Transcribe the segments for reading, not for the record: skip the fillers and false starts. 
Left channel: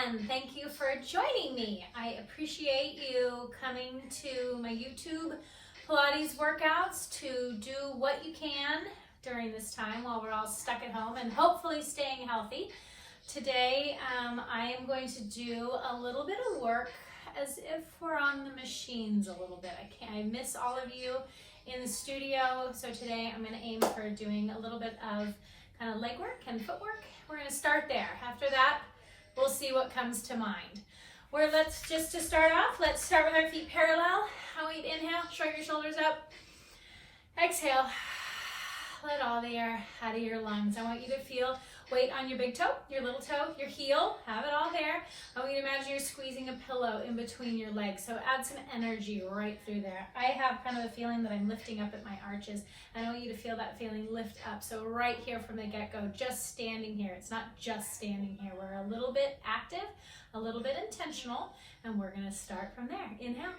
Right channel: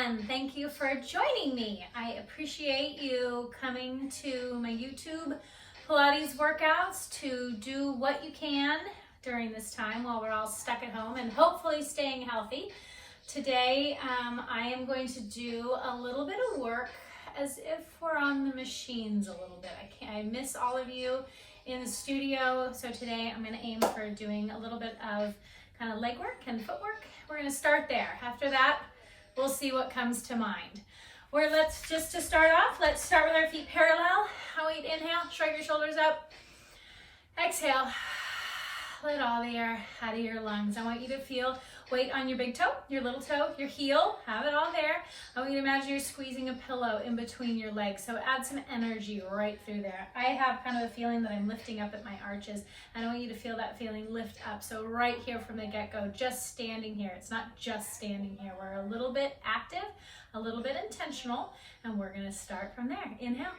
again. Thank you for joining me. I appreciate you coming to my YouTube Pilates workouts to do what you can during this time while we're all stuck at home and hopefully staying healthy. Today, I am going to do a little bit of work as if we're on the machines a little bit. I miss all of you in the studio, so today I'm going to aim for doing a little bit of kind of leg work and footwork. We're going to start there. After that, we'll see what comes to mind. To start off, let's start with our feet parallel. Inhale, shrug your shoulders up. Exhale, let all the air out of your lungs. I want you to feel weight on your big toe, your little toe, your heel, have it all there. I want you to imagine you're squeezing a pillow in between your legs, so add some energy right through there. I have kind of a feeling that I'm lifting up at my arches, and I want you to feel that feeling lift up. So right here from the get-go, just standing here. It's not just standing here. We're a little bit active, a little bit intentional, and we're gonna start from there. Inhale.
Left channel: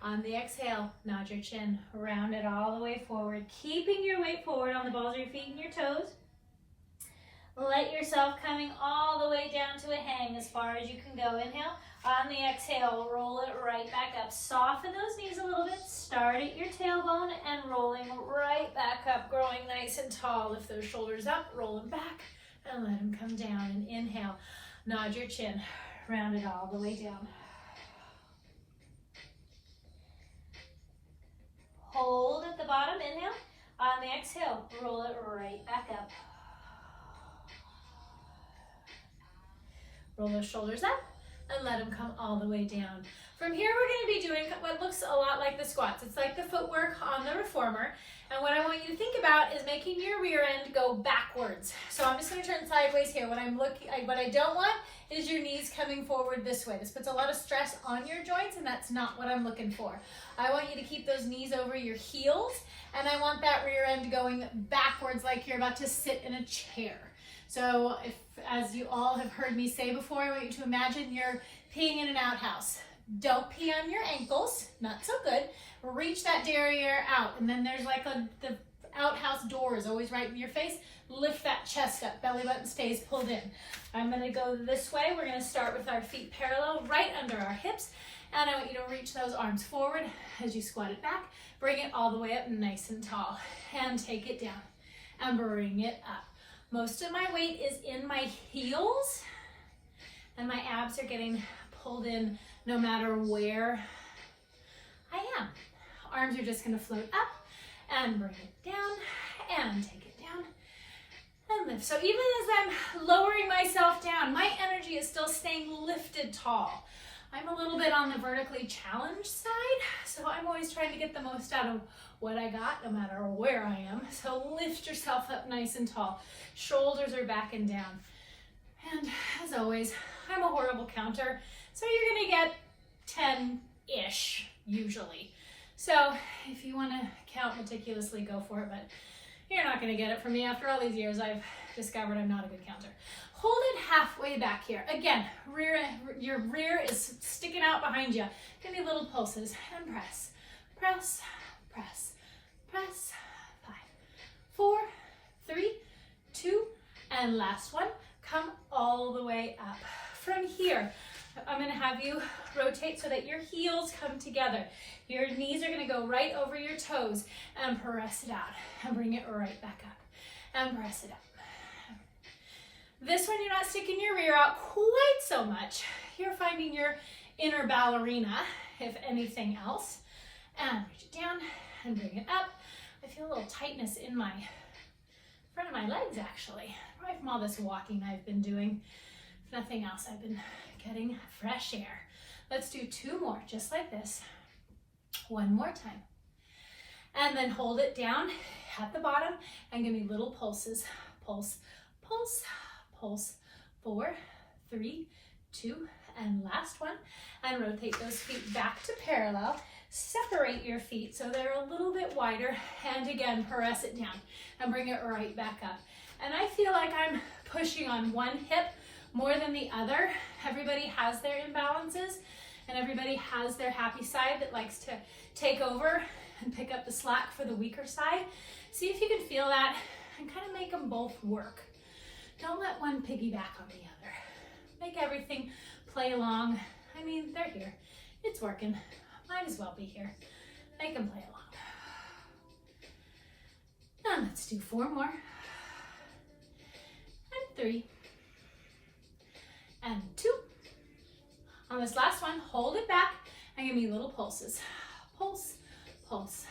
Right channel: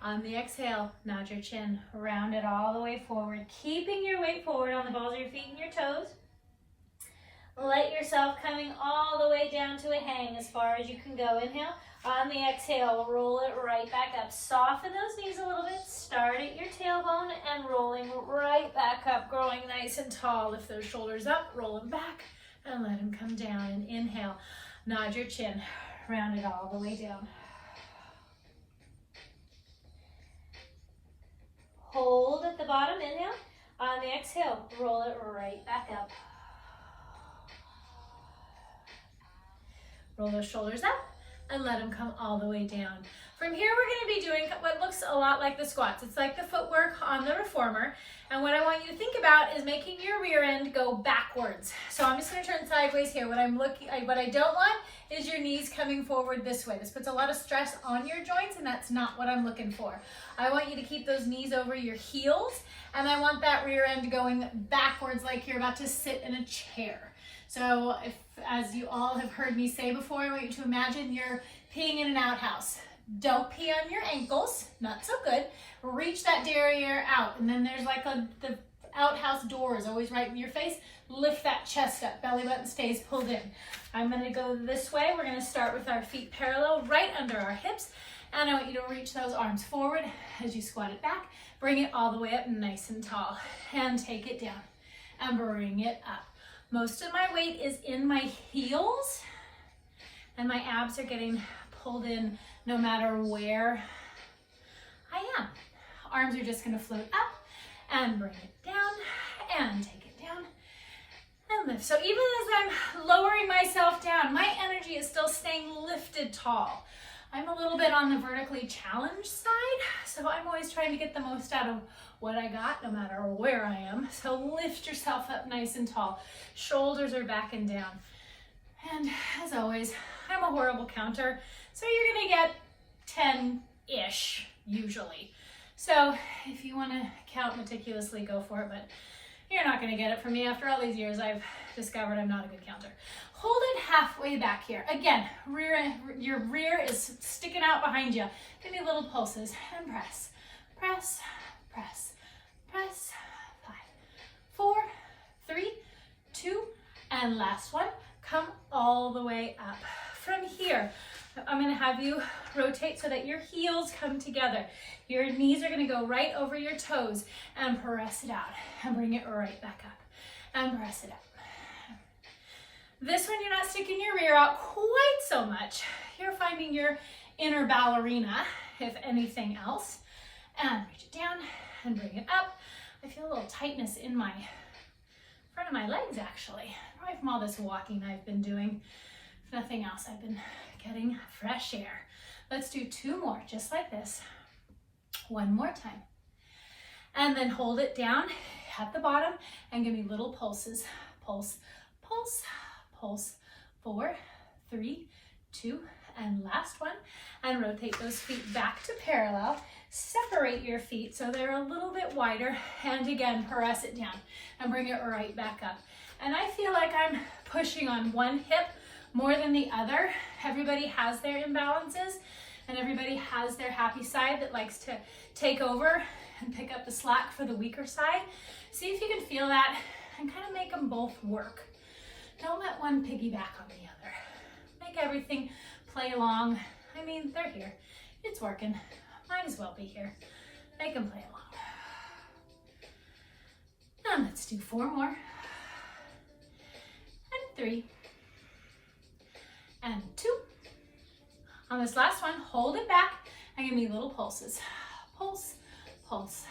On the exhale, nod your chin, round it all the way forward, keeping your weight forward on the balls of your feet and your toes. Let yourself coming all the way down to a hang as far as you can go. Inhale. On the exhale, roll it right back up. Soften those knees a little bit. Start at your tailbone and rolling right back up, growing nice and tall. Lift those shoulders up, roll them back, and let them come down. And inhale, nod your chin, round it all the way down. Hold at the bottom, inhale. On the exhale, roll it right back up. Roll those shoulders up and let them come all the way down. From here, we're gonna be doing what looks a lot like the squats. It's like the footwork on the reformer. And what I want you to think about is making your rear end go backwards. So I'm just gonna turn sideways here. What I don't want is your knees coming forward this way. This puts a lot of stress on your joints, and that's not what I'm looking for. I want you to keep those knees over your heels, and I want that rear end going backwards like you're about to sit in a chair. So as you all have heard me say before, I want you to imagine you're peeing in an outhouse. Don't pee on your ankles, not so good. Reach that derriere out, and then there's like the outhouse door is always right in your face. Lift that chest up, belly button stays pulled in. I'm gonna go this way. We're gonna start with our feet parallel right under our hips, and I want you to reach those arms forward as you squat it back. Bring it all the way up nice and tall, and take it down, and bring it up. Most of my weight is in my heels, and my abs are getting pulled in no matter where I am. Arms are just gonna float up and bring it down and take it down and lift. So even as I'm lowering myself down, my energy is still staying lifted tall. I'm a little bit on the vertically challenged side, so I'm always trying to get the most out of what I got, no matter where I am. So lift yourself up nice and tall. Shoulders are back and down. And as always, I'm a horrible counter, so you're gonna get 10-ish usually. So if you wanna count meticulously, go for it, but you're not gonna get it from me. After all these years, I've discovered I'm not a good counter. Hold it halfway back here. Again, your rear is sticking out behind you. Give me little pulses and press, press, press, press. 5, 4, 3, 2, and last one. Come all the way up. From here, I'm gonna have you rotate so that your heels come together. Your knees are gonna go right over your toes, and press it out and bring it right back up and press it up. This one, you're not sticking your rear out quite so much. You're finding your inner ballerina, if anything else. And reach it down and bring it up. I feel a little tightness in my front of my legs, actually. Probably from all this walking I've been doing. If nothing else, I've been getting fresh air. Let's do 2 more, just like this. 1 more time. And then hold it down at the bottom and give me little pulses. Pulse, pulse, pulse. 4, 3, 2, and last one. And rotate those feet back to parallel. Separate your feet so they're a little bit wider. And again, press it down and bring it right back up. And I feel like I'm pushing on one hip more than the other. Everybody has their imbalances, and everybody has their happy side that likes to take over and pick up the slack for the weaker side. See if you can feel that and kind of make them both work. Don't let one piggyback on the other. Make everything play along. I mean, they're here. It's working. Might as well be here. They can play along. And let's do 4 more. And 3. And 2. On this last one, hold it back and give me little pulses. Pulse, pulse,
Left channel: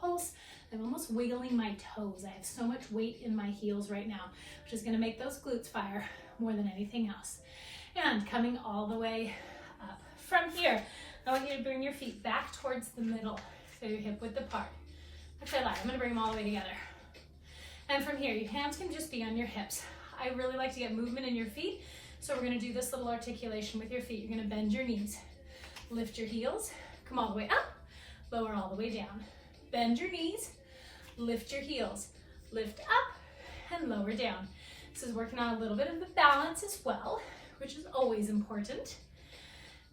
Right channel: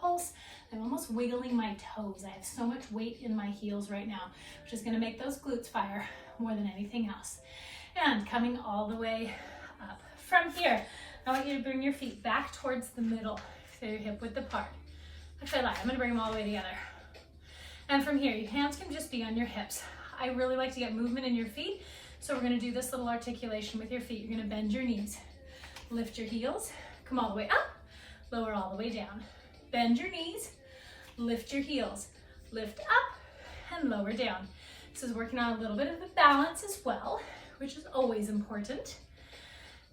pulse. I'm almost wiggling my toes. I have so much weight in my heels right now, which is going to make those glutes fire more than anything else. And coming all the way up. From here, I want you to bring your feet back towards the middle, so your hip width apart. Actually, I lied. I'm going to bring them all the way together. And from here, your hands can just be on your hips. I really like to get movement in your feet, so we're going to do this little articulation with your feet. You're going to bend your knees, lift your heels, come all the way up, lower all the way down. Bend your knees, lift your heels, lift up, and lower down. This is working on a little bit of the balance as well, which is always important.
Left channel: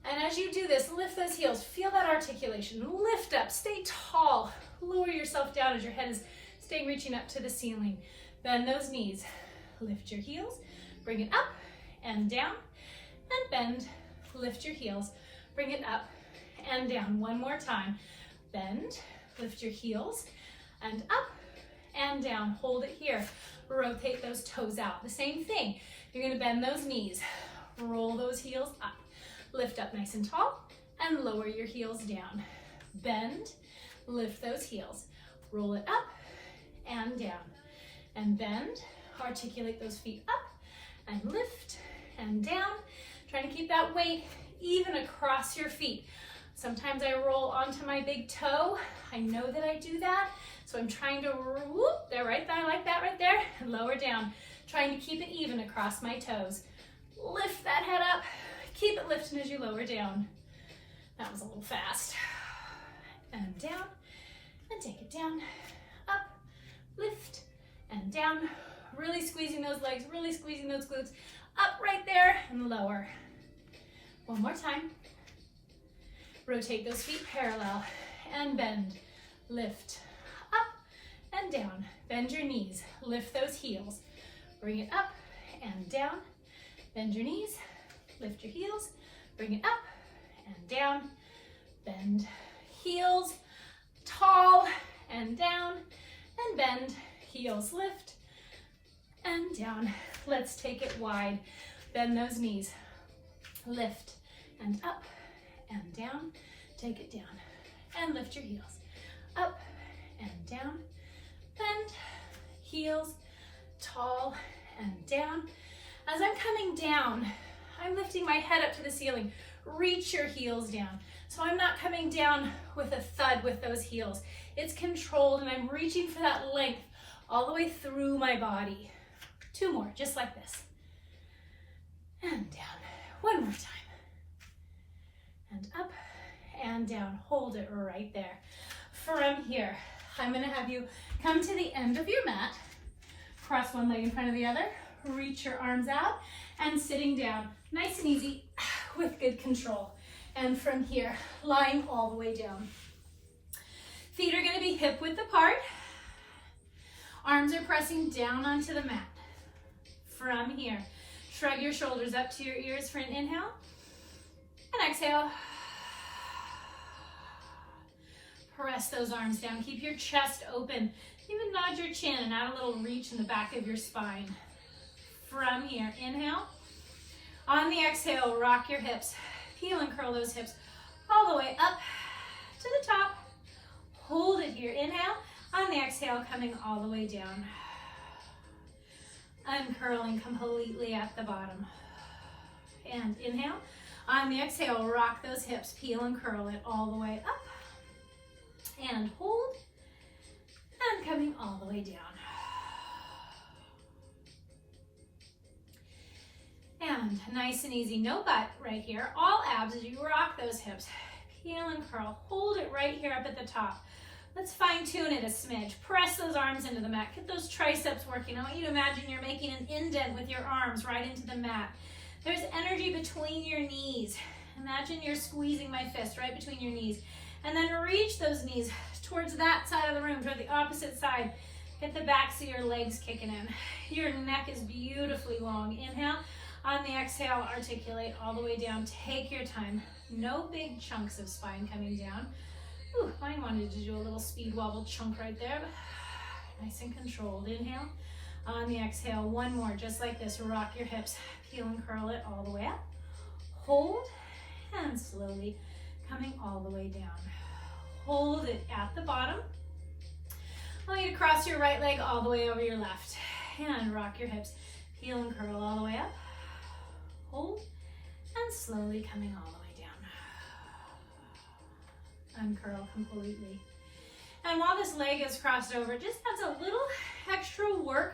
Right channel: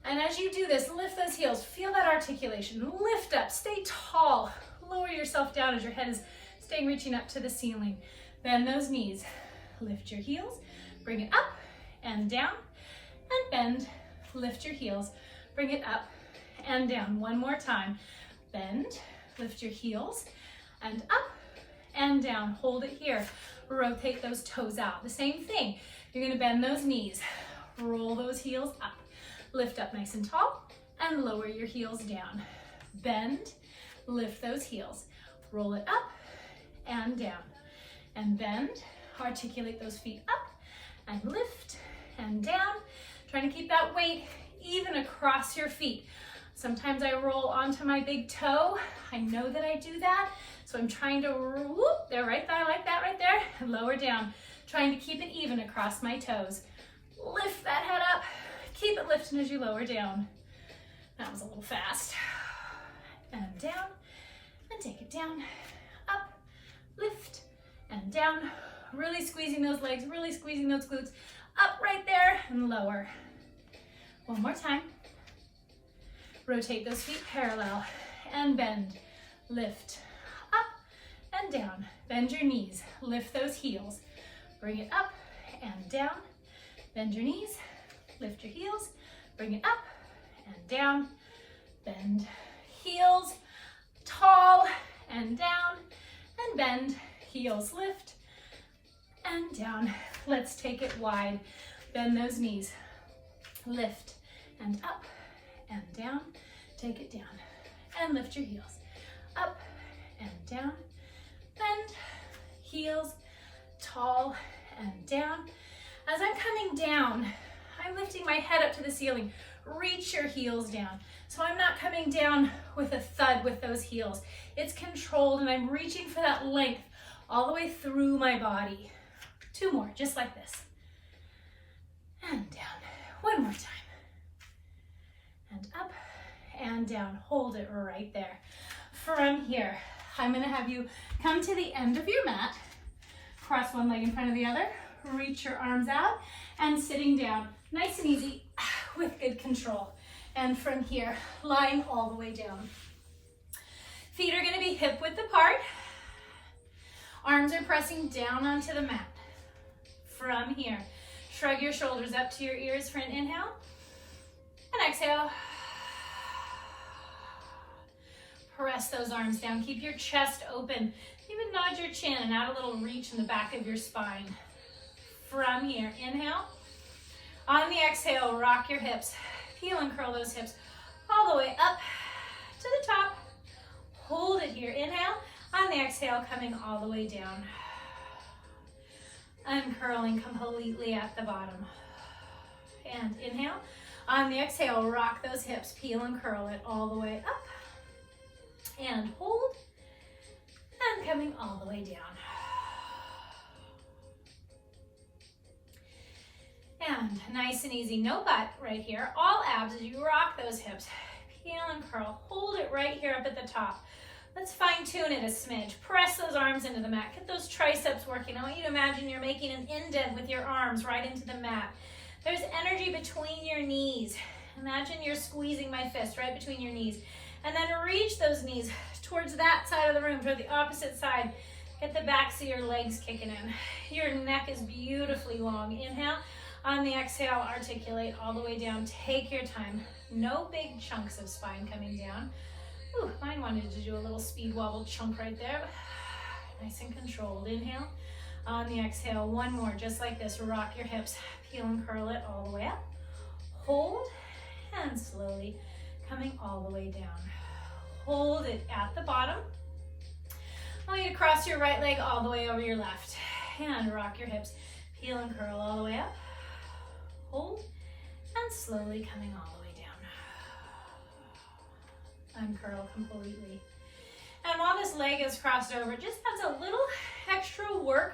And as you do this, lift those heels, feel that articulation, lift up, stay tall, lower yourself down as your head is staying reaching up to the ceiling. Bend those knees, lift your heels, bring it up and down, and bend, lift your heels, bring it up and down. One more time. Bend, lift your heels, and up and down. Hold it here. Rotate those toes out. The same thing. You're going to bend those knees, roll those heels up, lift up nice and tall, and lower your heels down. Bend, lift those heels, roll it up and down, and bend, articulate those feet up, and lift and down. Trying to keep that weight even across your feet. Sometimes I roll onto my big toe. I know that I do that, so I'm trying to whoop there, right there, like that right there, and lower down. Trying to keep it even across my toes. Lift that head up. Keep it lifting as you lower down. That was a little fast. And down, and take it down, up, lift, and down. Really squeezing those legs, really squeezing those glutes. Up right there, and lower. One more time. Rotate those feet parallel, and bend, lift, up, and down. Bend your knees, lift those heels. Bring it up and down. Bend your knees, lift your heels, bring it up and down. Bend heels, tall and down, and bend, heels lift and down. Let's take it wide. Bend those knees, lift and up and down. Take it down and lift your heels, up and down. Bend, heels, tall and down. As I'm coming down, I'm lifting my head up to the ceiling. Reach your heels down. So I'm not coming down with a thud with those heels. It's controlled, and I'm reaching for that length all the way through my body. 2 more, just like this. And down. 1 more time. And up and down. Hold it right there. From here, I'm going to have you come to the end of your mat. Cross one leg in front of the other. Reach your arms out and sitting down. Nice and easy with good control. And from here, lying all the way down. Feet are going to be hip width apart. Arms are pressing down onto the mat. From here, shrug your shoulders up to your ears for an inhale. And exhale. Press those arms down. Keep your chest open. Even nod your chin and add a little reach in the back of your spine. From here, inhale. On the exhale, rock your hips. Peel and curl those hips all the way up to the top. Hold it here. Inhale. On the exhale, coming all the way down. Uncurling completely at the bottom. And inhale. On the exhale, rock those hips. Peel and curl it all the way up. And hold. And coming all the way down. And nice and easy, no butt right here. All abs as you rock those hips. Peel and curl. Hold it right here up at the top. Let's fine tune it a smidge. Press those arms into the mat. Get those triceps working. I want you to imagine you're making an indent with your arms right into the mat. There's energy between your knees. Imagine you're squeezing my fist right between your knees. And then reach those knees towards that side of the room, toward the opposite side. Get the backs of your legs kicking in. Your neck is beautifully long. Inhale. On the exhale, articulate all the way down. Take your time. No big chunks of spine coming down. Ooh, mine wanted to do a little speed wobble chunk right there. Nice and controlled. Inhale. On the exhale, one more, just like this. Rock your hips, peel and curl it all the way up. Hold, and slowly coming all the way down. Hold it at the bottom. I want you to cross your right leg all the way over your left. And rock your hips, peel and curl all the way up. Hold, and slowly coming all the way down. Uncurl completely. And while this leg is crossed over, just adds a little extra work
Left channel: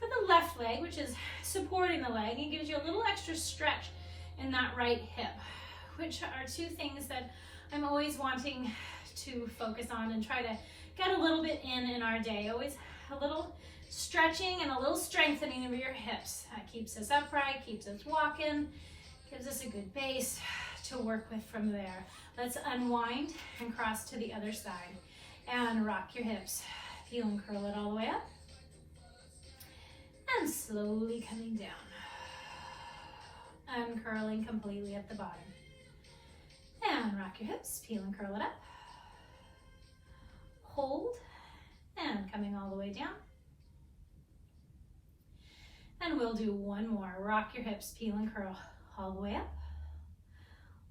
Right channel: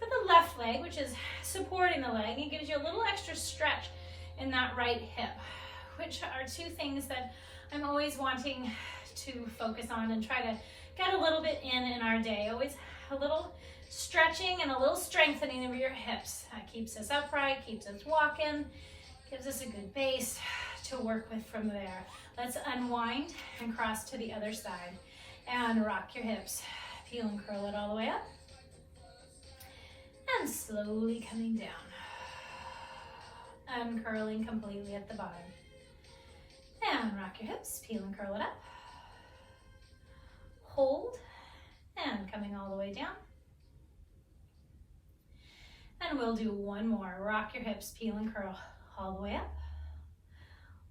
for the left leg, which is supporting the leg. It gives you a little extra stretch in that right hip, which are two things that I'm always wanting to focus on and try to get a little bit in our day. Always a little stretching and a little strengthening of your hips. That keeps us upright, keeps us walking, gives us a good base to work with from there. Let's unwind and cross to the other side. And rock your hips. Peel and curl it all the way up. And slowly coming down. Uncurling completely at the bottom. And rock your hips. Peel and curl it up. Hold. And coming all the way down. And we'll do one more. Rock your hips. Peel and curl all the way up.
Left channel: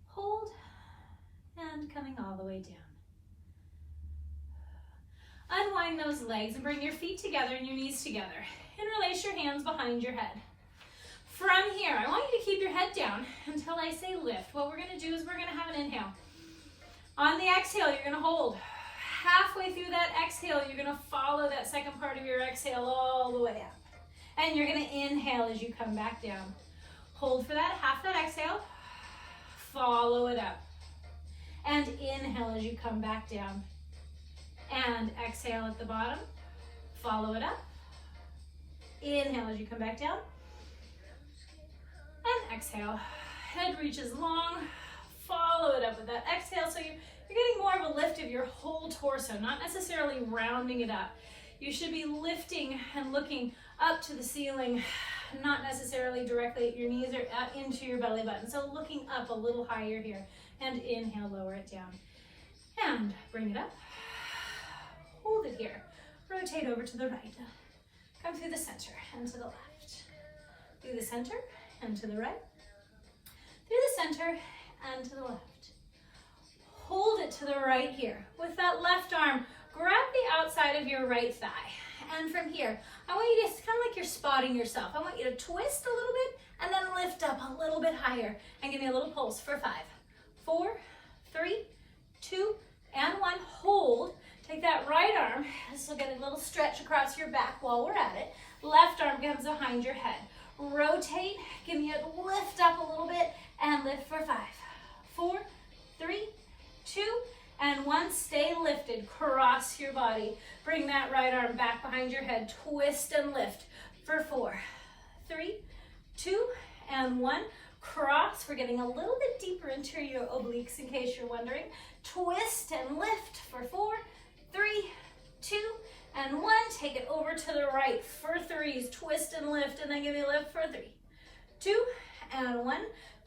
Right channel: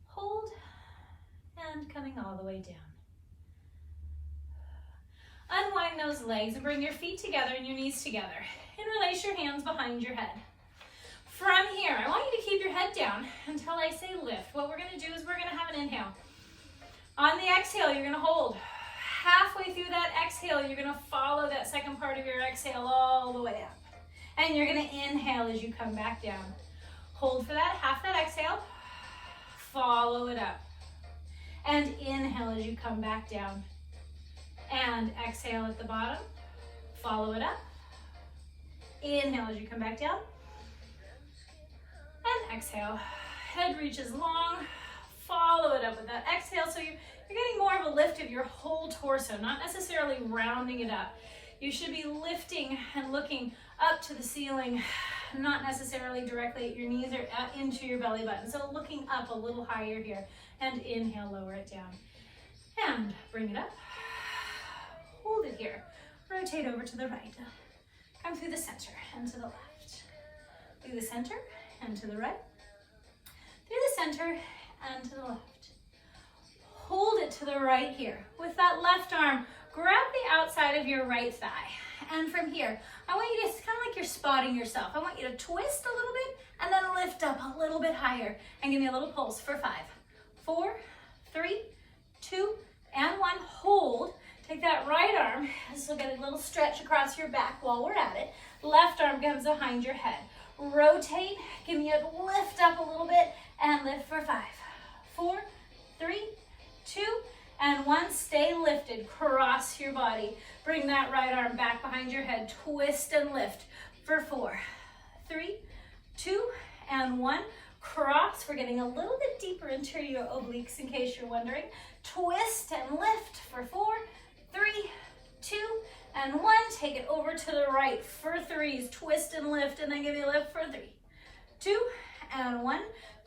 Hold. And coming all the way down. Unwind those legs and bring your feet together and your knees together. And release your hands behind your head. From here, I want you to keep your head down until I say lift. What we're going to do is we're going to have an inhale. On the exhale, you're going to hold. Halfway through that exhale, you're going to follow that second part of your exhale all the way up. And you're going to inhale as you come back down. Hold for that, half that exhale. Follow it up. And inhale as you come back down. And exhale at the bottom. Follow it up. Inhale as you come back down. And exhale. Head reaches long. Follow it up with that exhale. So you're getting more of a lift of your whole torso, not necessarily rounding it up. You should be lifting and looking up to the ceiling, not necessarily directly at your knees or into your belly button. So looking up a little higher here. And inhale, lower it down. And bring it up. Hold it here. Rotate over to the right. Come through the center and to the left. Through the center and to the right. Through the center and to the left. Hold it to the right here. With that left arm, grab the outside of your right thigh. And from here, I want you to, it's kind of like you're spotting yourself. I want you to twist a little bit and then lift up a little bit higher. And give me a little pulse for 5, 4, 3, 2, and 1. Hold. Take that right arm. This will get a little stretch across your back while we're at it. Left arm comes behind your head. Rotate. Give me a lift up a little bit and lift for 5, 4, 3, 2, and 1. Stay lifted. Cross your body. Bring that right arm back behind your head. Twist and lift for 4, 3, 2, and 1. Cross. We're getting a little bit deeper into your obliques in case you're wondering. Twist and lift for 4, 3, 2, and 1. Take it over to the right for 3s. Twist and lift, and then give you a lift for 3, 2, and 1.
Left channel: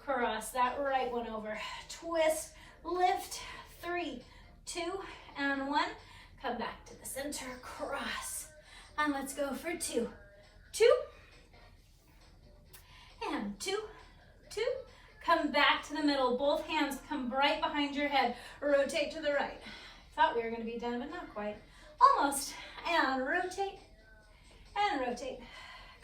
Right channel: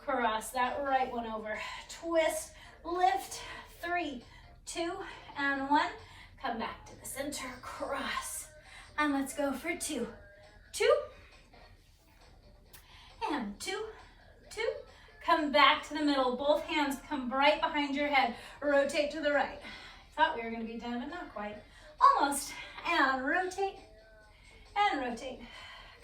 Cross that right one over. Twist, lift, 3, 2, and 1. Come back to the center, cross. And let's go for 2, 2, and 2, 2. Come back to the middle. Both hands come right behind your head. Rotate to the right. Thought we were going to be done, but not quite. Almost. And rotate. And rotate.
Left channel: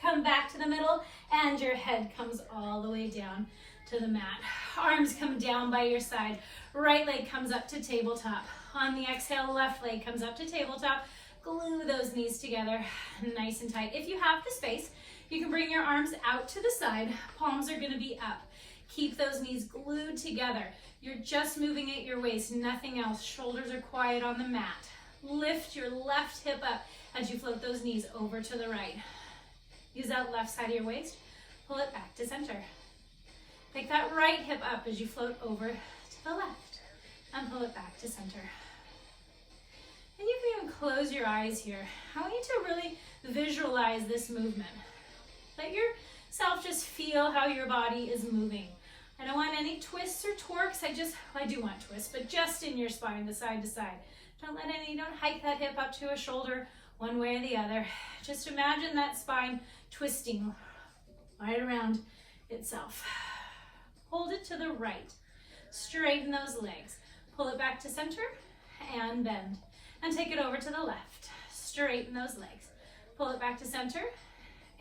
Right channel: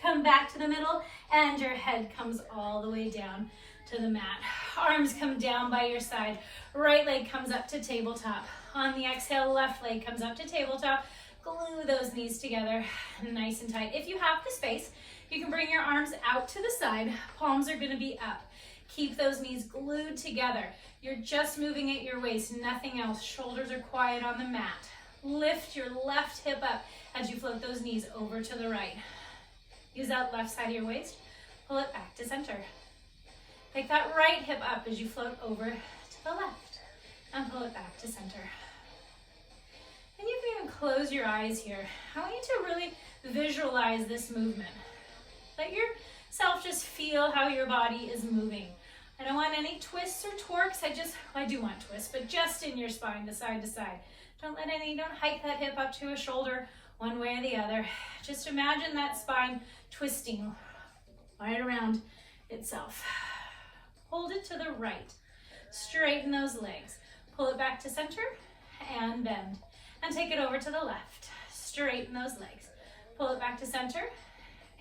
Come back to the middle, and your head comes all the way down to the mat. Arms come down by your side. Right leg comes up to tabletop. On the exhale, left leg comes up to tabletop. Glue those knees together nice and tight. If you have the space, you can bring your arms out to the side. Palms are going to be up. Keep those knees glued together. You're just moving at your waist, nothing else. Shoulders are quiet on the mat. Lift your left hip up as you float those knees over to the right. Use that left side of your waist. Pull it back to center. Take that right hip up as you float over to the left and pull it back to center. And you can even close your eyes here. I want you to really visualize this movement. Let your self just feel how your body is moving. I don't want any twists or torques. I do want twists, but just in your spine, the side to side. Don't hike that hip up to a shoulder one way or the other. Just imagine that spine twisting right around itself. Hold it to the right. Straighten those legs. Pull it back to center and bend. And take it over to the left. Straighten those legs. Pull it back to center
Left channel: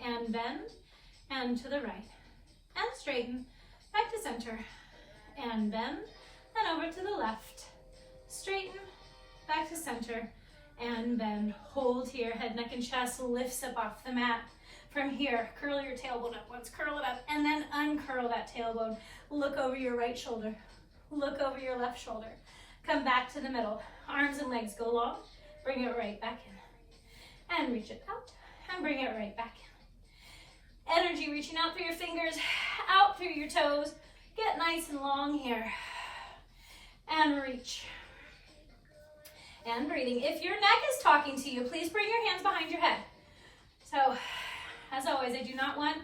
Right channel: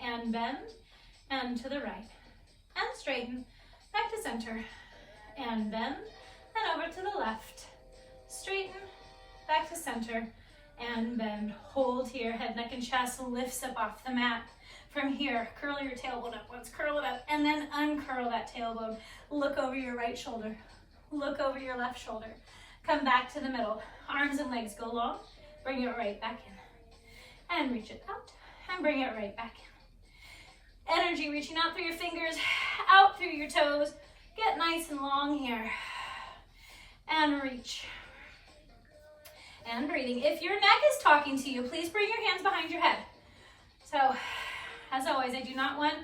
and bend and to the right. And straighten, back to center and bend and over to the left. Straighten, back to center and bend. Hold here, head, neck, and chest lifts up off the mat. From here, curl your tailbone up once, curl it up, and then uncurl that tailbone. Look over your right shoulder. Look over your left shoulder. Come back to the middle. Arms and legs go long. Bring it right back in. And reach it out, and bring it right back in. Energy reaching out through your fingers, out through your toes. Get nice and long here. And reach. And breathing. If your neck is talking to you, please bring your hands behind your head. So, as always, I do not want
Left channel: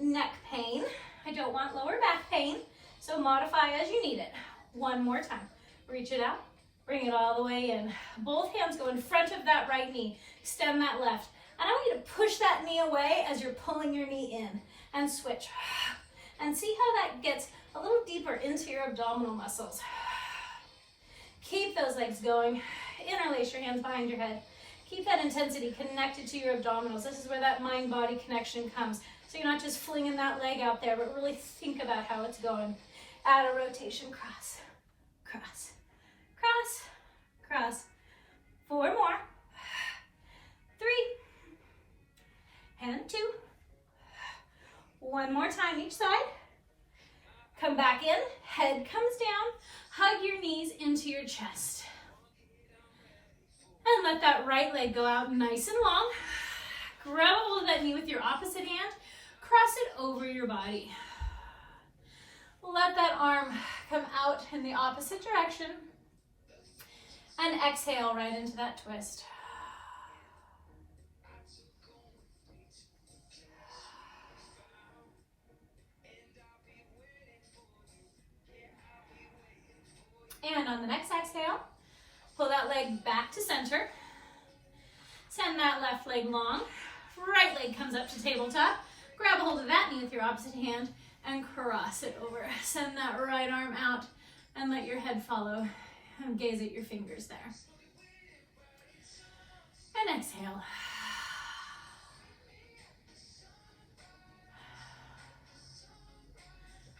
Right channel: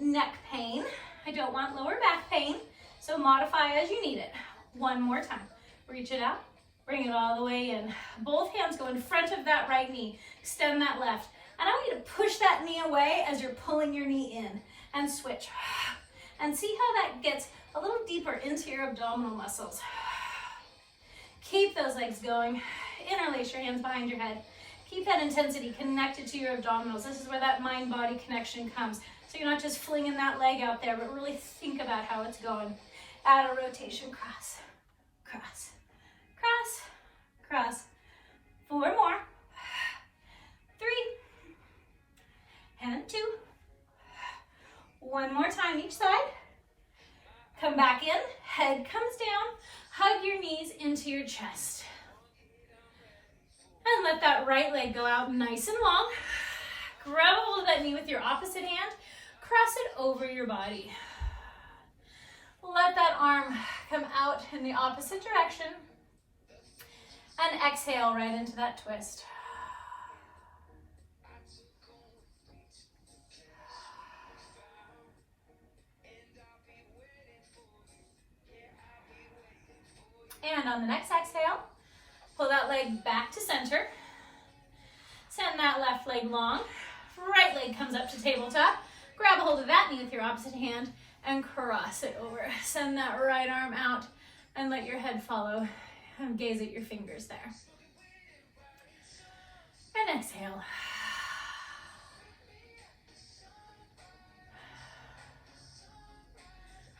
neck pain. I don't want lower back pain. So modify as you need it. One more time. Reach it out. Bring it all the way in. Both hands go in front of that right knee. Extend that left. And I want you to push that knee away as you're pulling your knee in. And switch. And see how that gets a little deeper into your abdominal muscles. Keep those legs going. Interlace your hands behind your head. Keep that intensity connected to your abdominals. This is where that mind-body connection comes. So you're not just flinging that leg out there, but really think about how it's going. Add a rotation, cross, cross, cross, cross. 4 more. 3. And 2. 1 more time each side. Come back in, head comes down. Hug your knees into your chest. And let that right leg go out nice and long. Grab a hold of that knee with your opposite hand. Cross it over your body. Let that arm come out in the opposite direction. And exhale right into that twist. And on the next exhale, pull that leg back to center. Send that left leg long. Right leg comes up to tabletop. Grab a hold of that knee with your opposite hand and cross it over. Send that right arm out and let your head follow. And gaze at your fingers there. And exhale.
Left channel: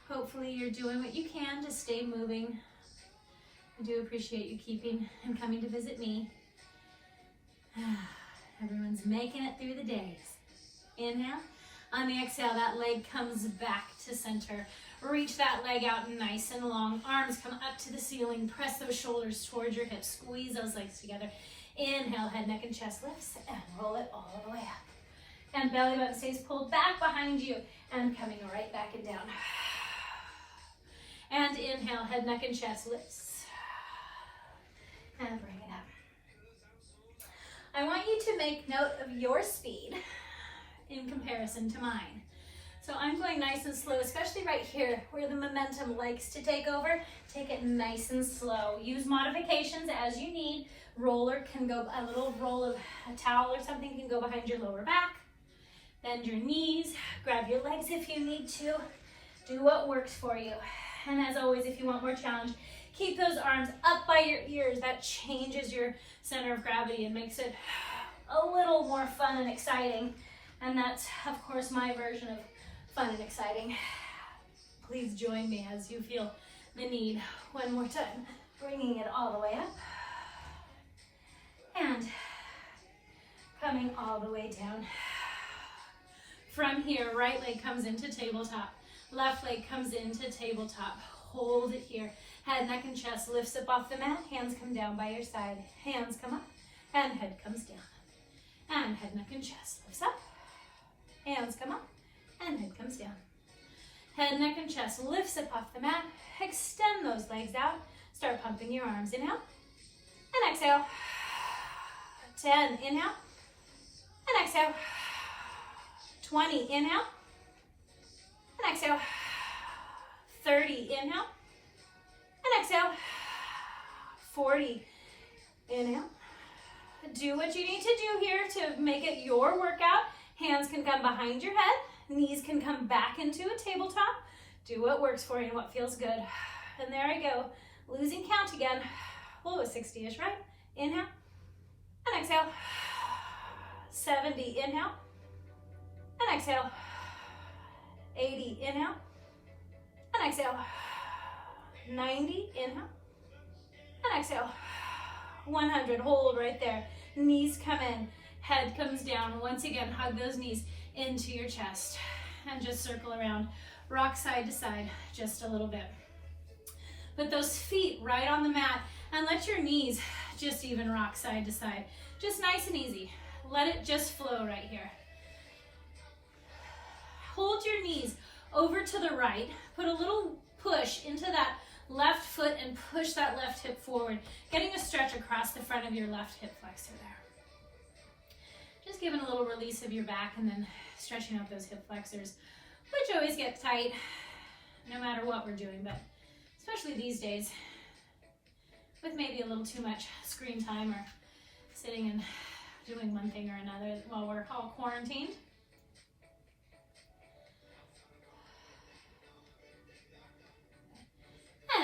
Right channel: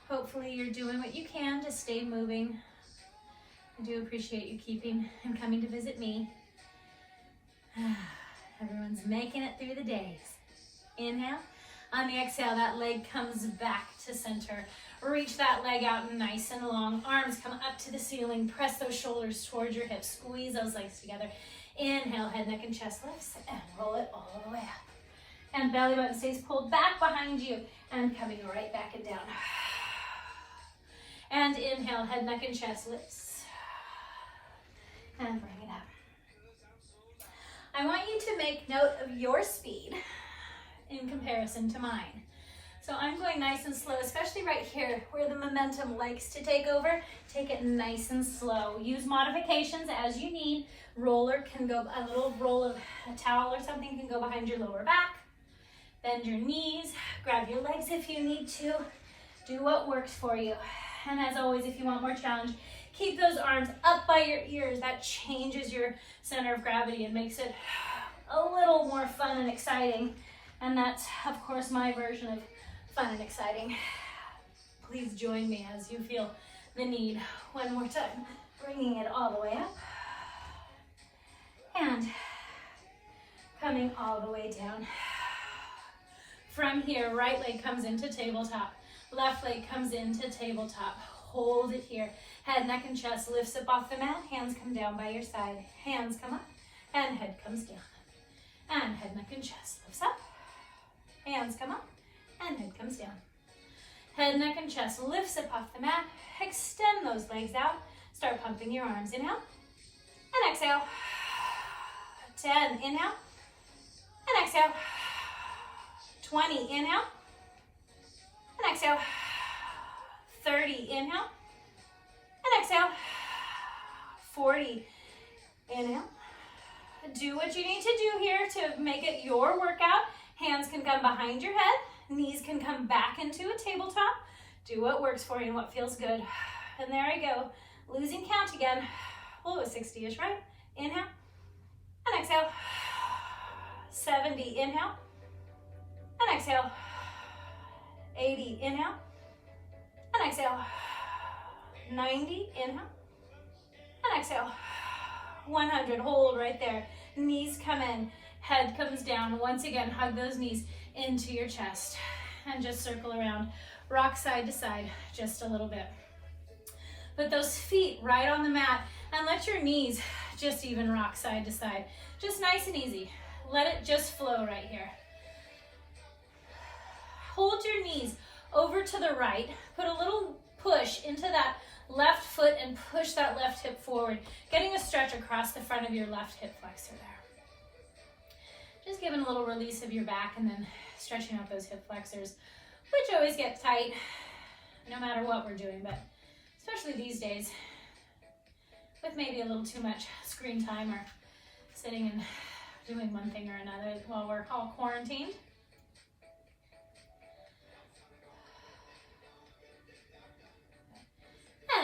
Hopefully you're doing what you can to stay moving. I do appreciate you keeping and coming to visit me. Everyone's making it through the days. Inhale. On the exhale, that leg comes back to center. Reach that leg out nice and long. Arms come up to the ceiling. Press those shoulders towards your hips. Squeeze those legs together. Inhale, head, neck, and chest lifts. And roll it all the way up. And belly button stays pulled back behind you. And coming right back and down. And inhale, head, neck, and chest lifts. And bring it up. I want you to make note of your speed in comparison to mine. So I'm going nice and slow, especially right here where the momentum likes to take over. Take it nice and slow. Use modifications as you need. Roller can go, a little roll of a towel or something can go behind your lower back. Bend your knees, grab your legs if you need to. Do what works for you. And as always, if you want more challenge, keep those arms up by your ears. That changes your center of gravity and makes it a little more fun and exciting. And that's, of course, my version of fun and exciting. Please join me as you feel the need. One more time, bringing it all the way up. And coming all the way down. From here, right leg comes into tabletop. Left leg comes into tabletop. Hold it here. Head, neck, and chest lifts up off the mat. Hands come down by your side. Hands come up. And head comes down. And head, neck, and chest lifts up. Hands come up. And head comes down. Head, neck, and chest lifts up off the mat. Extend those legs out. Start pumping your arms. Inhale. And exhale. 10. Inhale. And exhale. 20. Inhale. and exhale. 30, inhale, and exhale. 40, inhale. Do what you need to do here to make it your workout. Hands can come behind your head. Knees can come back into a tabletop. Do what works for you and what feels good. And there I go. Losing count again. Oh, 60-ish, right? Inhale and exhale. 70, inhale and exhale. 80, inhale and exhale. 90, inhale and exhale. 100, hold right there. Knees come in, head comes down. Once again, hug those knees into your chest and just circle around. Rock side to side just a little bit. Put those feet right on the mat and let your knees just even rock side to side. Just nice and easy. Let it just flow right here. Hold your knees over to the right. Put a little push into that left foot and push that left hip forward, getting a stretch across the front of your left hip flexor there. Just giving a little release of your back and then stretching out those hip flexors, which always get tight no matter what we're doing, but especially these days with maybe a little too much screen time or sitting and doing one thing or another while we're all quarantined.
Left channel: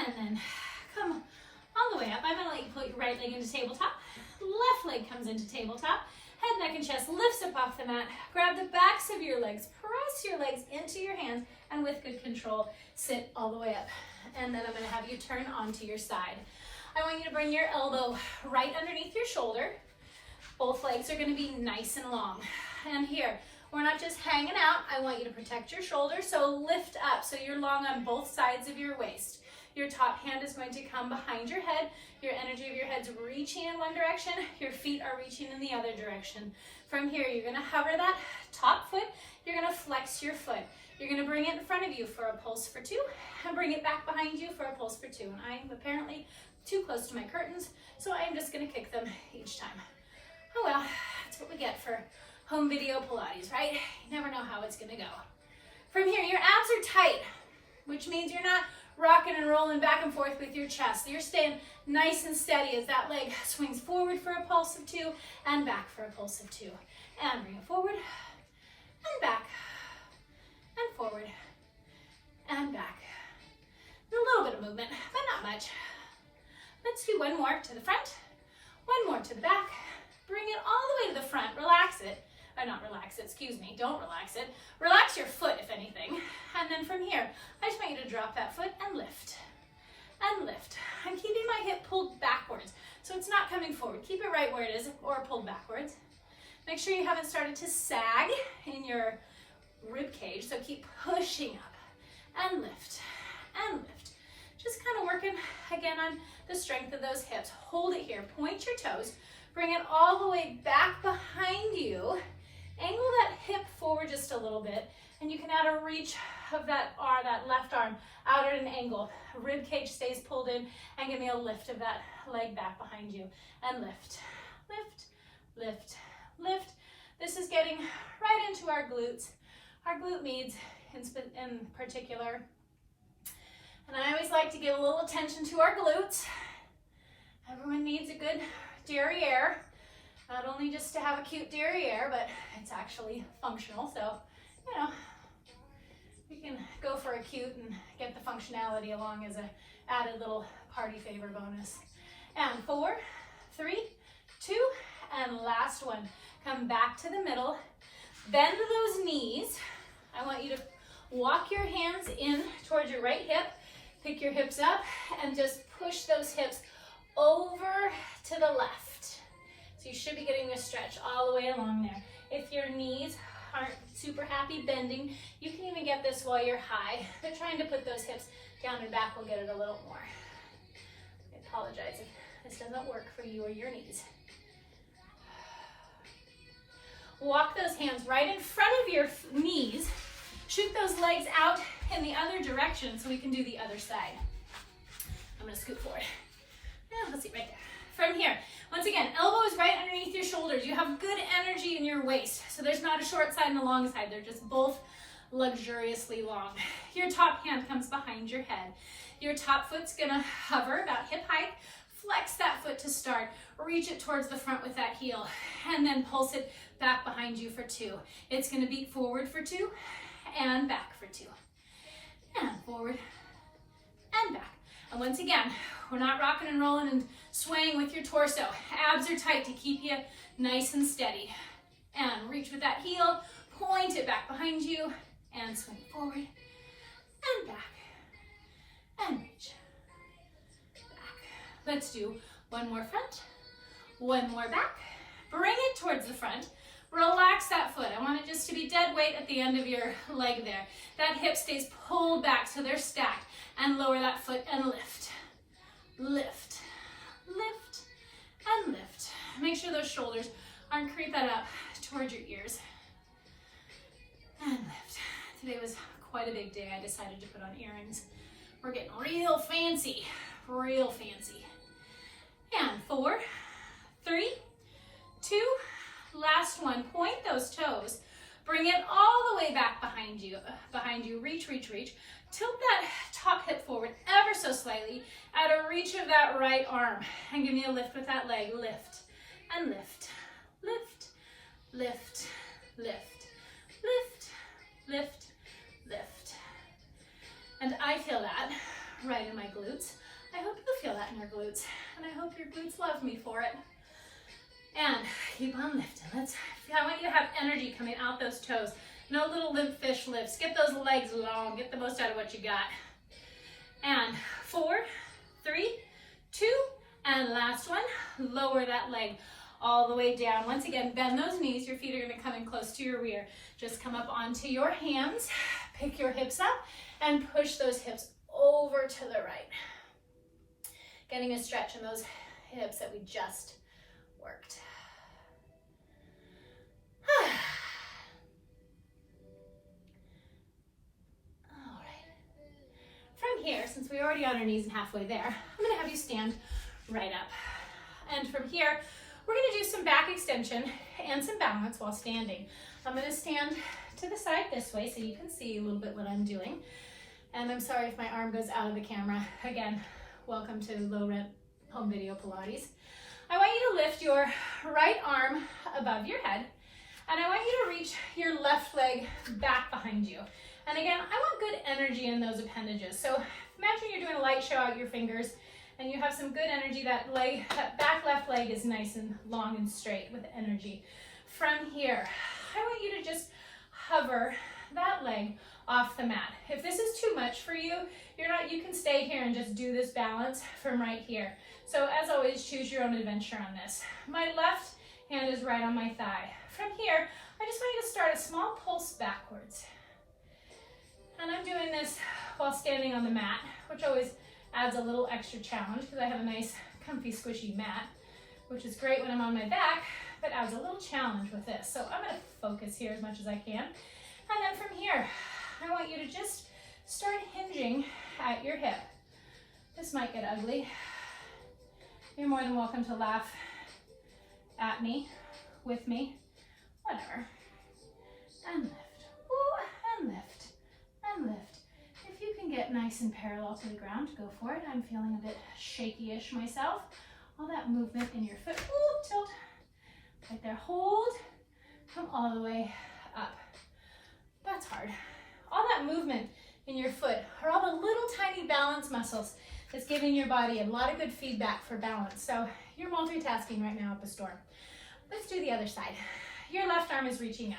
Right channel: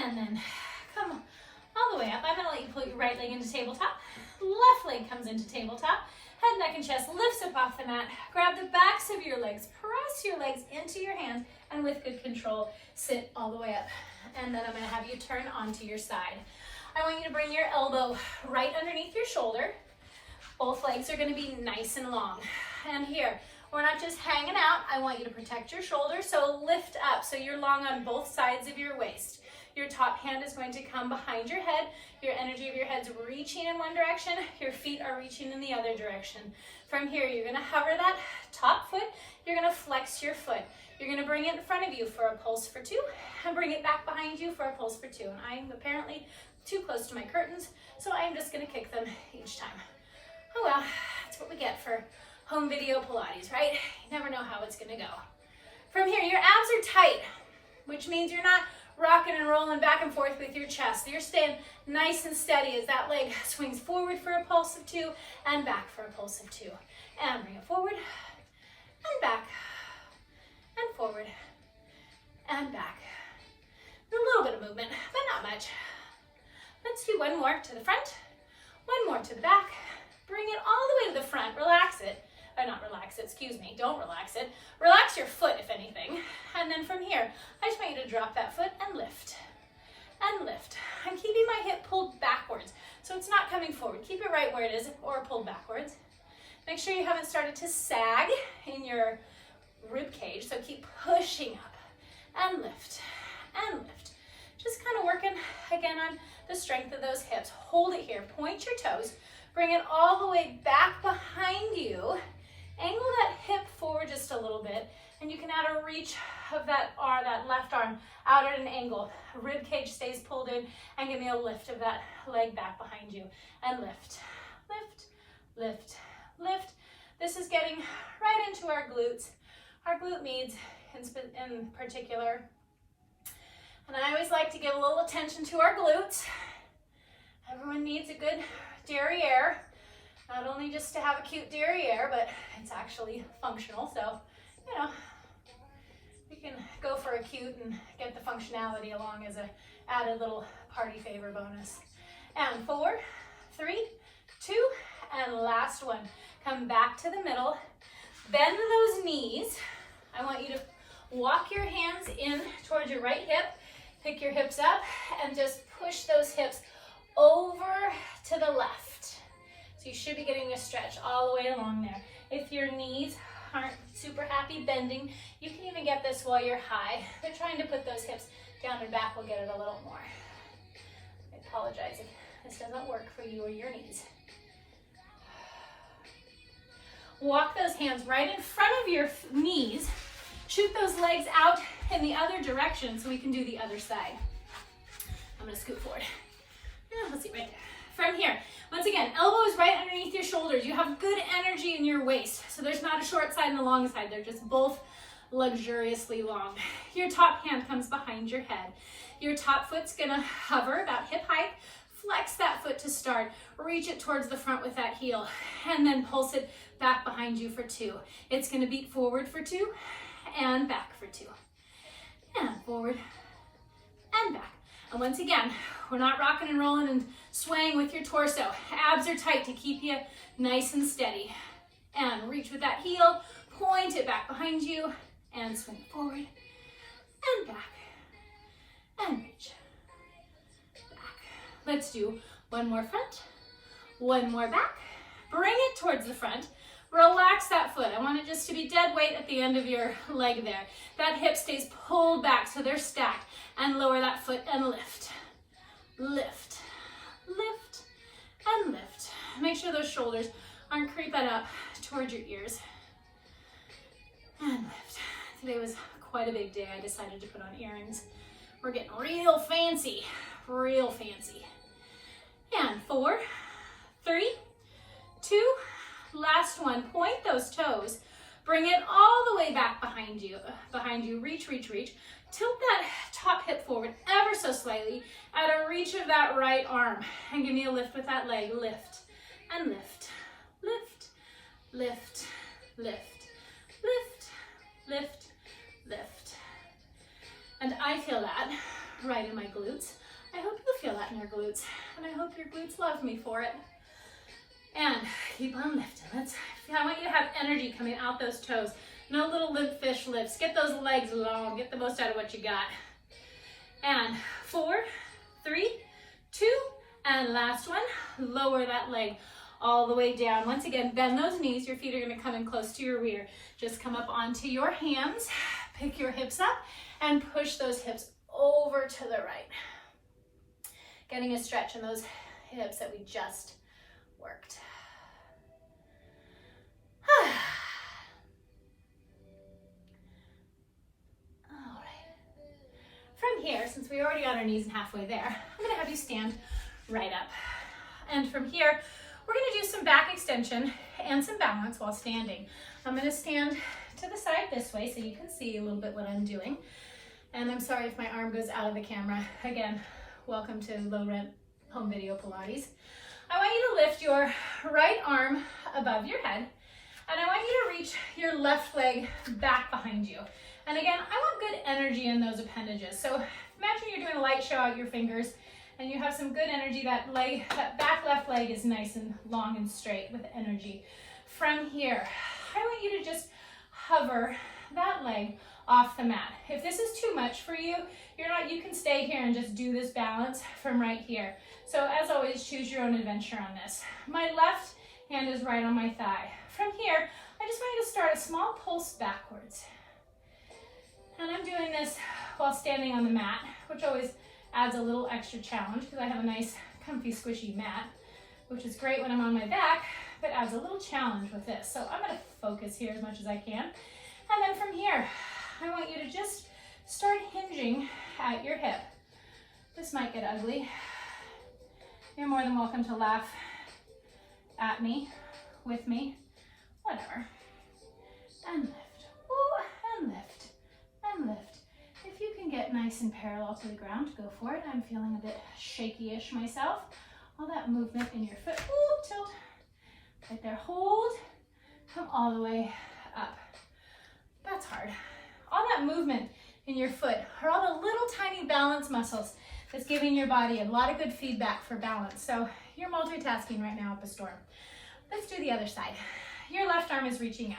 And then come all the way up. I'm going to let you put your right leg into tabletop. Left leg comes into tabletop. Head, neck, and chest lifts up off the mat. Grab the backs of your legs. Press your legs into your hands. And with good control, sit all the way up. And then I'm going to have you turn onto your side. I want you to bring your elbow right underneath your shoulder. Both legs are going to be nice and long. And here, we're not just hanging out. I want you to protect your shoulder. So lift up so you're long on both sides of your waist. Your top hand is going to come behind your head. Your energy of your head's reaching in one direction. Your feet are reaching in the other direction. From here, you're going to hover that top foot. You're going to flex your foot. You're going to bring it in front of you for a pulse for 2 and bring it back behind you for a pulse for 2. And I'm apparently too close to my curtains, so I'm just going to kick them each time. Oh well, that's what we get for home video Pilates, right? You never know how it's going to go. From here, your abs are tight, which means you're not rocking and rolling back and forth with your chest. You're staying nice and steady as that leg swings forward for a pulse of 2 and back for a pulse of 2. And bring it forward and back and forward and back. A little bit of movement, but not much. Let's do one more to the front, one more to the back. Bring it all the way to the front. Relax it. Not relax it, excuse me. Don't relax it. Relax your foot, if anything. And then from here, I just want you to drop that foot and lift. And lift. I'm keeping my hip pulled backwards, so it's not coming forward. Keep it right where it is, or pulled backwards. Make sure you haven't started to sag in your rib cage, so keep pushing up. And lift. And lift. Just kind of working, again, on the strength of those hips. Hold it here. Point your toes. Bring it all the way back behind you. Angle that hip forward just a little bit, and you can add a reach of that left arm out at an angle. Rib cage stays pulled in, and give me a lift of that leg back behind you. And lift, lift, lift, lift. This is getting right into our glutes, our glute meads in particular. And I always like to give a little attention to our glutes. Everyone needs a good derriere. Not only just to have a cute derriere, but it's actually functional. So, you know, we can go for a cute and get the functionality along as a added little party favor bonus. And 4, 3, 2, and last one. Come back to the middle. Bend those knees. I want you to walk your hands in towards your right hip. Pick your hips up and just push those hips over to the left. So you should be getting a stretch all the way along there. If your knees aren't super happy bending, you can even get this while you're high. But trying to put those hips down and back will get it a little more. I apologize if this doesn't work for you or your knees. Walk those hands right in front of your knees. Shoot those legs out in the other direction so we can do the other side. I'm gonna scoot forward. Let's see, right there. From here, once again, elbows right underneath your shoulders. You have good energy in your waist. So there's not a short side and a long side. They're just both luxuriously long. Your top hand comes behind your head. Your top foot's gonna hover about hip height. Flex that foot to start. Reach it towards the front with that heel, and then pulse it back behind you for 2. It's gonna beat forward for 2 and back for 2. And forward and back. And once again, we're not rocking and rolling and swaying with your torso. Abs are tight to keep you nice and steady. And reach with that heel, point it back behind you, and swing forward and back. And reach back. Let's do one more front, one more back. Bring it towards the front. Relax that foot. I want it just to be dead weight at the end of your leg there. That hip stays pulled back so they're stacked. And lower that foot and lift. Lift, lift, and lift. Make sure those shoulders aren't creeping up towards your ears. And lift. Today was quite a big day. I decided to put on earrings. We're getting real fancy, real fancy. And 4, 3, 2, last one. Point those toes. Bring it all the way back behind you. Reach, reach, reach. Tilt that top hip forward ever so slightly at a reach of that right arm. And give me a lift with that leg. Lift and lift, lift, lift, lift, lift, lift, lift. And I feel that right in my glutes. I hope you feel that in your glutes. And I hope your glutes love me for it. And keep on lifting. I want you to have energy coming out those toes. No little limp fish lifts. Get those legs long. Get the most out of what you got. And 4, 3, 2, and last one. Lower that leg all the way down. Once again, bend those knees. Your feet are going to come in close to your rear. Just come up onto your hands. Pick your hips up and push those hips over to the right. Getting a stretch in those hips that we just worked. All right. From here, since we already got our knees and halfway there, I'm going to have you stand right up. And from here, we're going to do some back extension and some balance while standing. I'm going to stand to the side this way so you can see a little bit what I'm doing. And I'm sorry if my arm goes out of the camera. Again, welcome to low rent home video Pilates. I want you to lift your right arm above your head, and I want you to reach your left leg back behind you. And again, I want good energy in those appendages. So imagine you're doing a light show out your fingers, and you have some good energy. That back left leg is nice and long and straight with energy. From here, I want you to just hover that leg off the mat. If this is too much for you, you can stay here and just do this balance from right here. So as always, choose your own adventure on this. My left hand is right on my thigh. From here, I just want you to start a small pulse backwards. And I'm doing this while standing on the mat, which always adds a little extra challenge because I have a nice, comfy, squishy mat, which is great when I'm on my back, but adds a little challenge with this. So I'm going to focus here as much as I can. And then from here, I want you to just start hinging at your hip. This might get ugly. You're more than welcome to laugh at me, with me, whatever. And lift, ooh, and lift, and lift. If you can get nice and parallel to the ground, go for it. I'm feeling a bit shaky-ish myself. All that movement in your foot, ooh, tilt, right there, hold, come all the way up. That's hard. All that movement in your foot are all the little tiny balance muscles that's giving your body a lot of good feedback for balance. So you're multitasking right now up a storm. Let's do the other side. Your left arm is reaching up.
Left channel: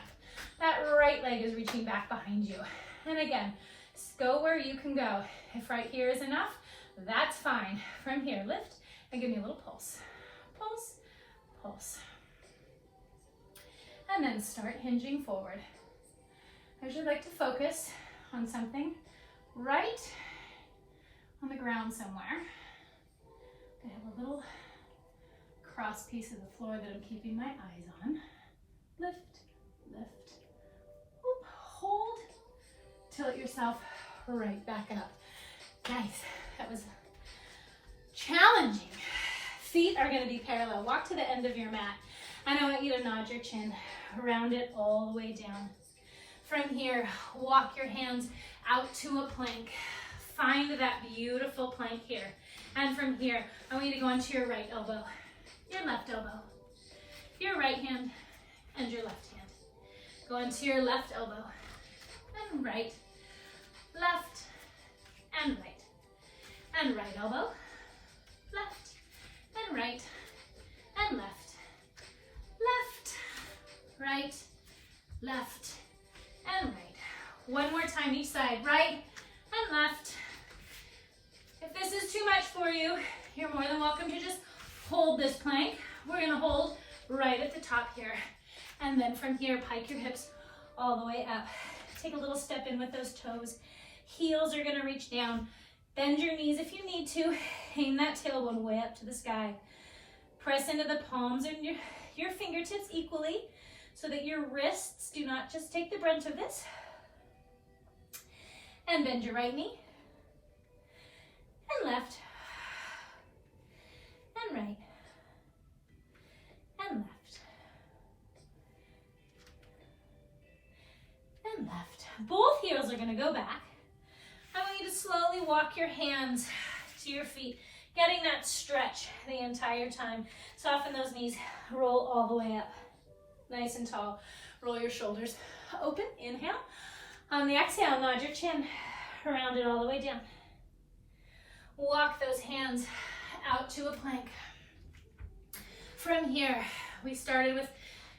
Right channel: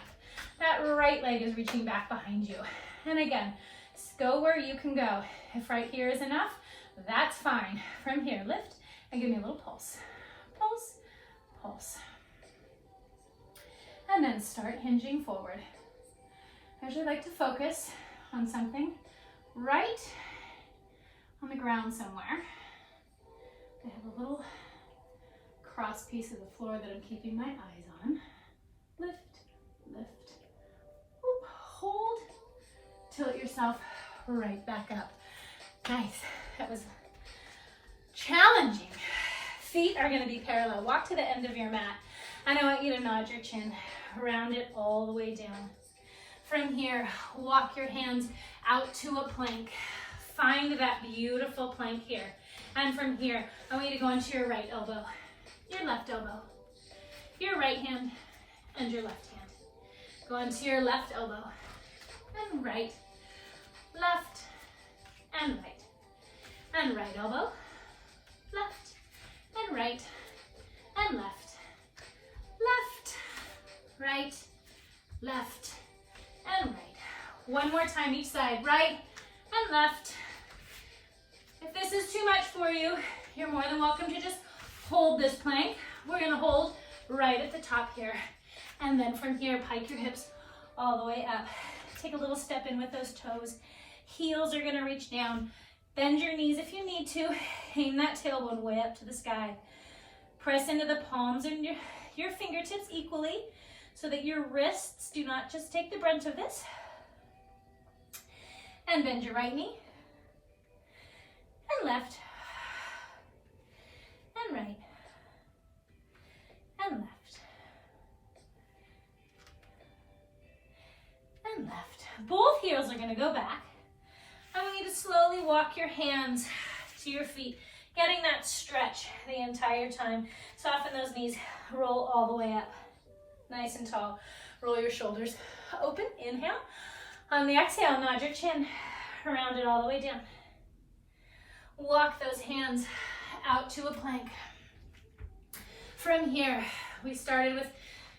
That right leg is reaching back behind you. And again, go where you can go. If right here is enough, that's fine. From here, lift and give me a little pulse. Pulse, pulse. And then start hinging forward. I usually like to focus on something right on the ground somewhere. I have a little cross piece of the floor that I'm keeping my eyes on. Lift, lift, whoop, hold, tilt yourself right back up. Nice, that was challenging. Feet are gonna be parallel. Walk to the end of your mat. And I want you to nod your chin, round it all the way down. From here, walk your hands out to a plank. Find that beautiful plank here. And from here, I want you to go onto your right elbow, your left elbow, your right hand, and your left hand. Go onto your left elbow, and right, left, and right. And right elbow, left, and right, and left, left, right, left, and right. One more time each side, right and left. If this is too much for you, you're more than welcome to just hold this plank. We're gonna hold right at the top here. And then from here, pike your hips all the way up. Take a little step in with those toes. Heels are gonna reach down. Bend your knees if you need to. Hang that tailbone way up to the sky. Press into the palms and your fingertips equally so that your wrists do not just take the brunt of this. And bend your right knee. And left. And right. And left. And left. Both heels are going to go back. I want you to slowly walk your hands to your feet, getting that stretch the entire time. Soften those knees, roll all the way up, nice and tall. Roll your shoulders open, inhale. On the exhale, nod your chin, round it all the way down. Walk those hands out to a plank. From here, we started with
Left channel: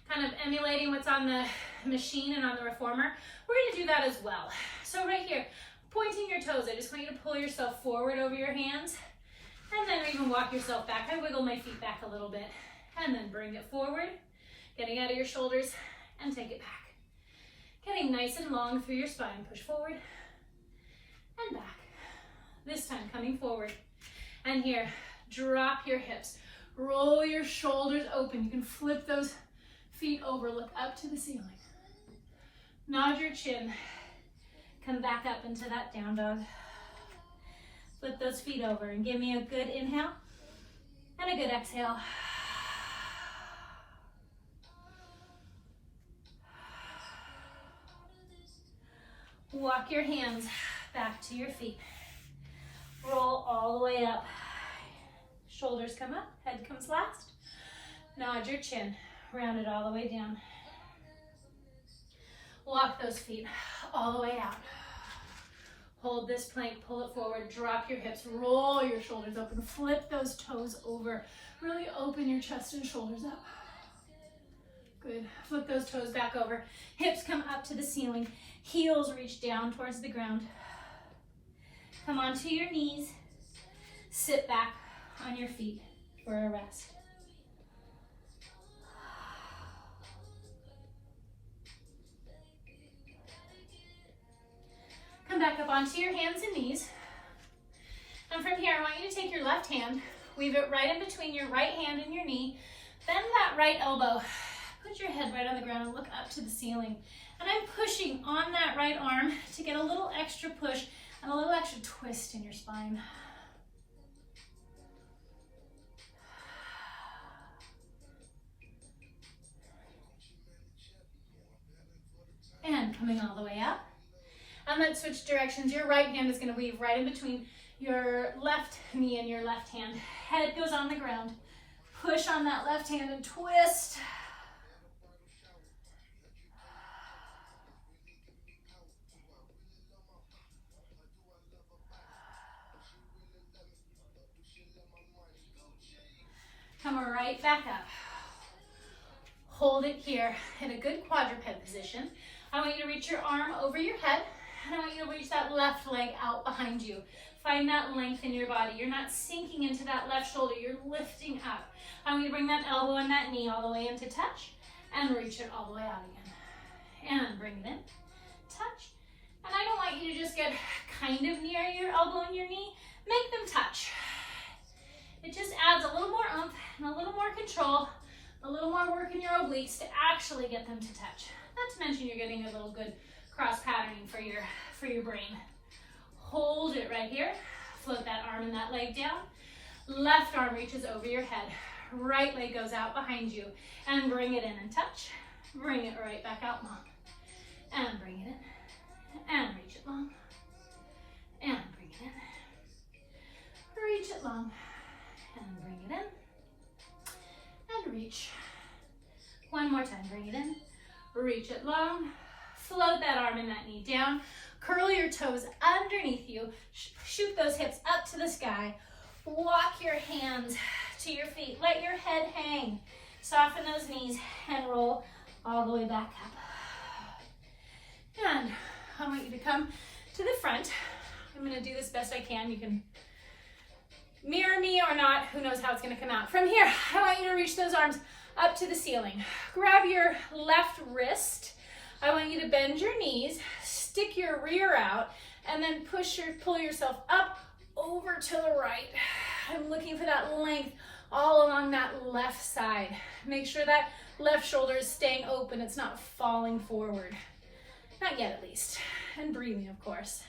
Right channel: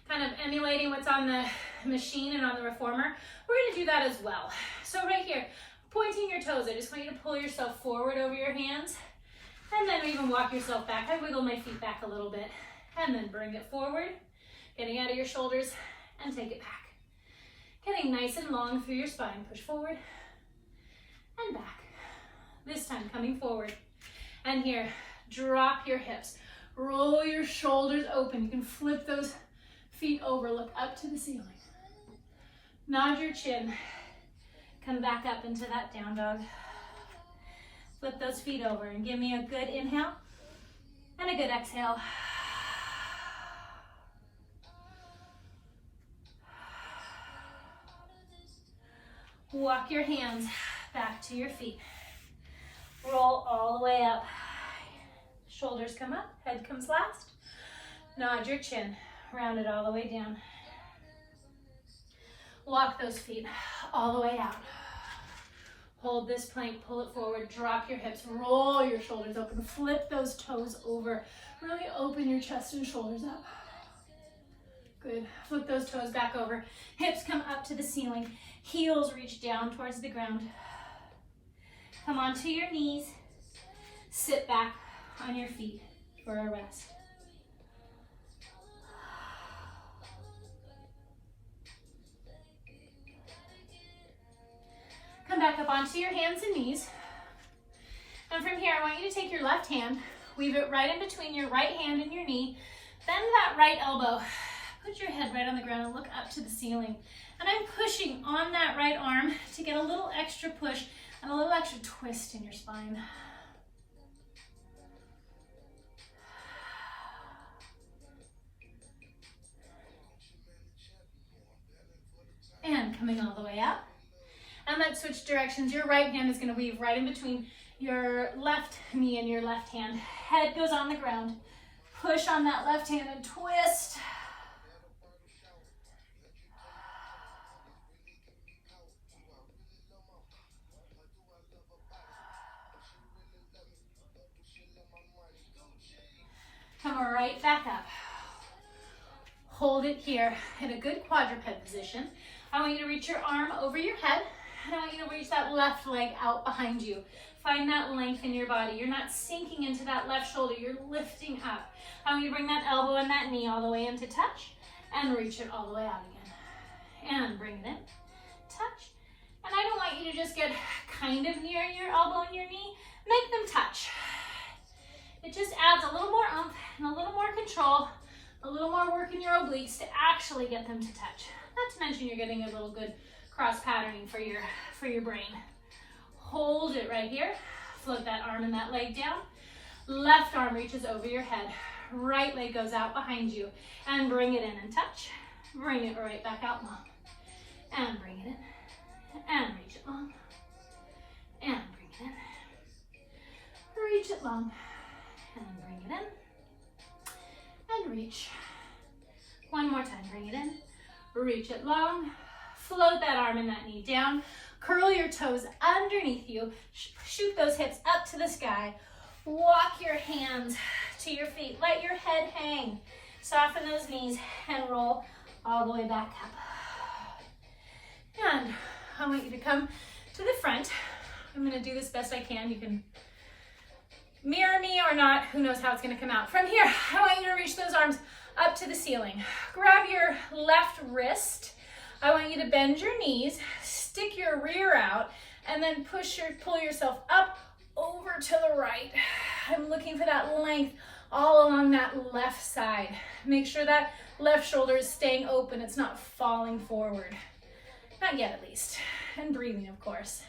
kind of emulating what's on the machine and on the reformer. We're going to do that as well. So right here, pointing your toes, I just want you to pull yourself forward over your hands, and then even walk yourself back. I wiggle my feet back a little bit, and then bring it forward, getting out of your shoulders, and take it back. Getting nice and long through your spine. Push forward and back. This time coming forward. And here, drop your hips. Roll your shoulders open. You can flip those feet over. Look up to the ceiling. Nod your chin. Come back up into that down dog. Flip those feet over and give me a good inhale and a good exhale. Walk your hands back to your feet. Roll all the way up. Shoulders come up, head comes last. Nod your chin, round it all the way down. Walk those feet all the way out. Hold this plank, pull it forward, drop your hips, roll your shoulders open, flip those toes over. Really open your chest and shoulders up. Good. Flip those toes back over. Hips come up to the ceiling. Heels reach down towards the ground. Come onto your knees. Sit back on your feet for a rest. Come back up onto your hands and knees. And from here, I want you to take your left hand, weave it right in between your right hand and your knee. Bend that right elbow. Put your head right on the ground and look up to the ceiling. And I'm pushing on that right arm to get a little extra push and a little extra twist in your spine. And coming all the way up. And then switch directions. Your right hand is going to weave right in between your left knee and your left hand. Head goes on the ground. Push on that left hand and twist. Come right back up. Hold it here in a good quadruped position. I want you to reach your arm over your head, and I want you to reach that left leg out behind you. Find that length in your body. You're not sinking into that left shoulder, you're lifting up. I want you to bring that elbow and that knee all the way into touch, and reach it all the way out again. And bring it in, touch. And I don't want you to just get kind of near your elbow and your knee. Make them touch. It just adds a little more oomph and a little more control, a little more work in your obliques to actually get them to touch. Not to mention you're getting a little good cross patterning for your brain. Hold it right here. Float that arm and that leg down. Left arm reaches over your head. Right leg goes out behind you. And bring it in and touch. Bring it right back out long. and bring it in, and reach it long, and bring it in, reach it long, and bring it in, and reach. One more time, bring it in, reach it long, float that arm and that knee down, curl your toes underneath you, shoot those hips up to the sky, walk your hands to your feet, let your head hang, soften those knees, and roll all the way back up. And I want you to come to the front. I'm gonna do this best I can. You can mirror me or not, who knows how it's gonna come out. From here, I want you to reach those arms up to the ceiling. Grab your left wrist. I want you to bend your knees, stick your rear out, and then pull yourself up over to the right. I'm looking for that length all along that left side. Make sure that left shoulder is staying open. It's not falling forward. Not yet, at least. And breathing, of course.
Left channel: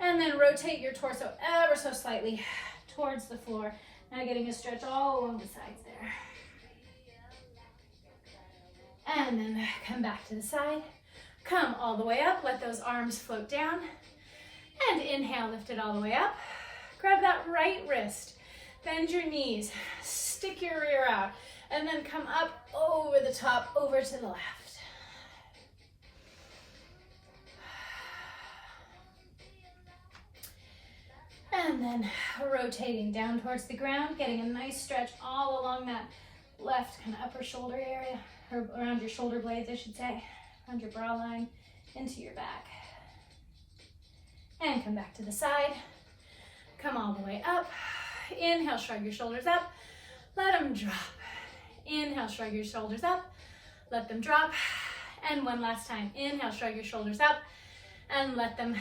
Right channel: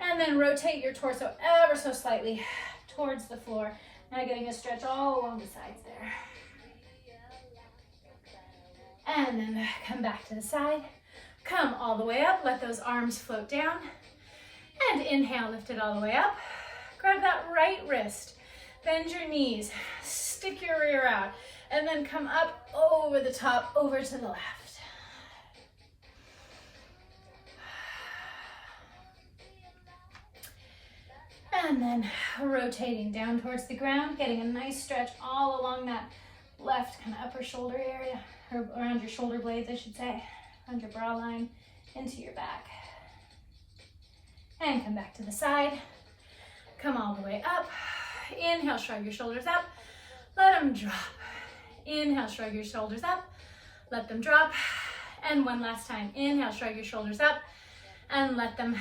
And then rotate your torso ever so slightly towards the floor. Now getting a stretch all along the sides there. And then come back to the side. Come all the way up. Let those arms float down. And inhale, lift it all the way up. Grab that right wrist. Bend your knees. Stick your rear out. And then come up over the top, over to the left. And then rotating down towards the ground, getting a nice stretch all along that left kind of upper shoulder area, or around your shoulder blades, I should say, around your bra line, into your back. And come back to the side. Come all the way up. Inhale, shrug your shoulders up. Let them drop. Inhale, shrug your shoulders up. Let them drop. And one last time. Inhale, shrug your shoulders up. And let them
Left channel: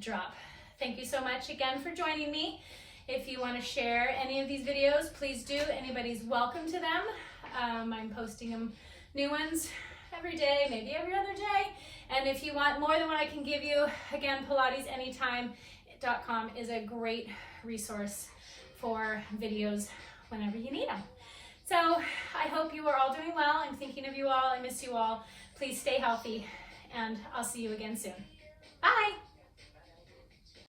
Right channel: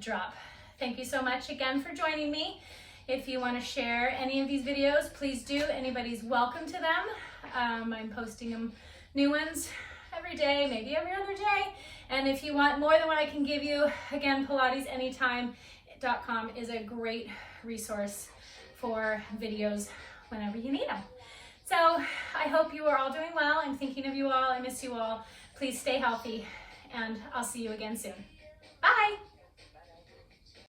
drop. Thank you so much again for joining me. If you want to share any of these videos, please do. Anybody's welcome to them. I'm posting them, new ones every day, maybe every other day. And if you want more than what I can give you, again, PilatesAnytime.com is a great resource for videos whenever you need them. So I hope you are all doing well. I'm thinking of you all. I miss you all. Please stay healthy, and I'll see you again soon.